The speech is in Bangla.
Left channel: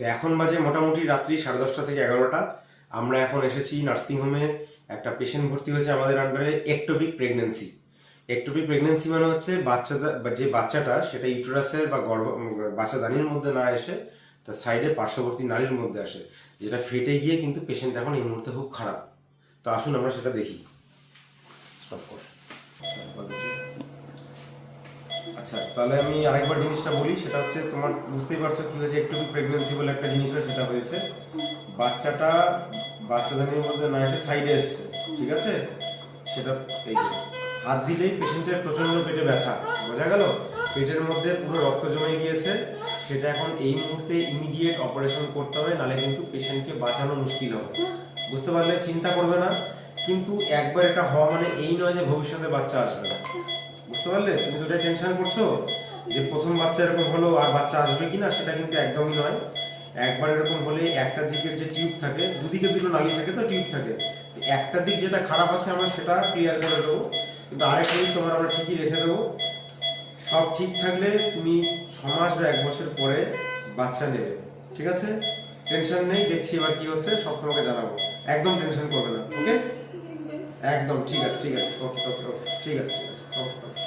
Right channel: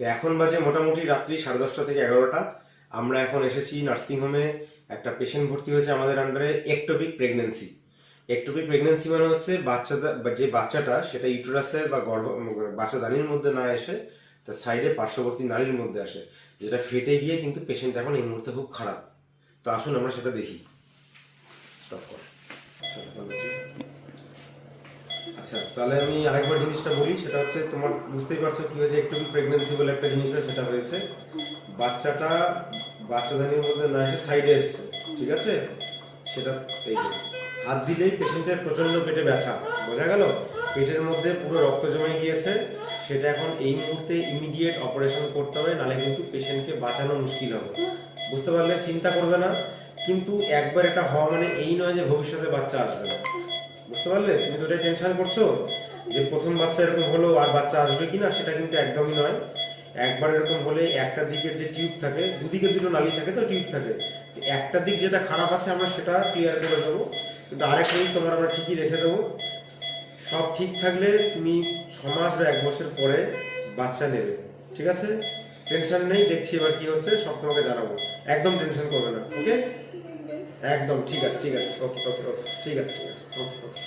তো এখন বাজে মোটামুটি রাত্রি 10:30 থেকে 11টা। আমরা এখন এসেছি নার্সিংহোমে। একটা পেশেন্ট ভর্তি হয়েছে আমাদের আন্ডারে, একটোপিক প্রেগনেন্সি। একটোপিক প্রেগনেন্সি মানে হচ্ছে যে বাচ্চাটা সেটা ইউটেরাসের বা বাচ্চাদানির মধ্যে না এসে তার সাইডে পার্শ্ববর্তী নালীর মধ্যে আসে, যেটা ফেটে গিয়ে কিন্তু পেশেন্ট এখন এই মুহূর্তে খুব খারাপ। তো আসুন আমরা সেটা দেখি। স্টপ কর। আচ্ছা, তাহলে আমি আরেকবার জিনিসটা বলি, সেটা হচ্ছে তোমার বুঝতেই পারছো কি হয়েছে। একটু প্রেগনেন্সি বলে একটা জিনিস হয়, সেটা হয়েছে বাচ্চাটা বাচ্চাদানির মধ্যে না এসে সাইডে এসছে, ঠিক আছে? সেটা এই যে হাত দিলেই পেশেন্টের প্রচন্ড পেটে ব্যথা, বোঝা গেল? পেটের মধ্যে পুরো রক্ত জমে গিয়েছে। সেটা এখন এই মুহূর্তে ইমিডিয়েট অপারেশন করতে হবে, নাহলে কিন্তু পেশেন্টকে বাঁচানো মুশকিল হবে। বুঝতে পারলে? চিন্তা করবে না, কিন্তু একবার এটা হওয়া মানে এই নয় যে ভবিষ্যতে বাচ্চা আসবে না। বুঝতে পারলে? তুমি তো টেনশন করছো যে প্রথম বাচ্চা এরকম হলো আর বাচ্চা আসবে কিনা, সেটা কিন্তু একদমই নয়। একবার এরকম হলে একটা দিকের যে টিউব থাকে, দুদিকে দুটো নালী থাকে, তো টিউব থাকে, একটা দিক যেটা খারাপ আছে আমরা সেটা ক্লিয়ার করে দেবো, কিন্তু আরেকটা দিক তোমার আমরা ঠিকই রেখে দেবো। সব ঠিক থাকলে তুমি 6 মাস বা 1 বছর পরে বাচ্চা নেবে, ঠিক আছে? টেনশন নেই, দেখছি এবার কি হচ্ছে, সব তোমাকে জানাবো। একদম টেনশন করবে না, ওকে? একদম ঠিক আছে, ঠিক আছে, ওকে ওকে ওকে, ঠিক আছে ঠিক আছে, ওকে ওকে।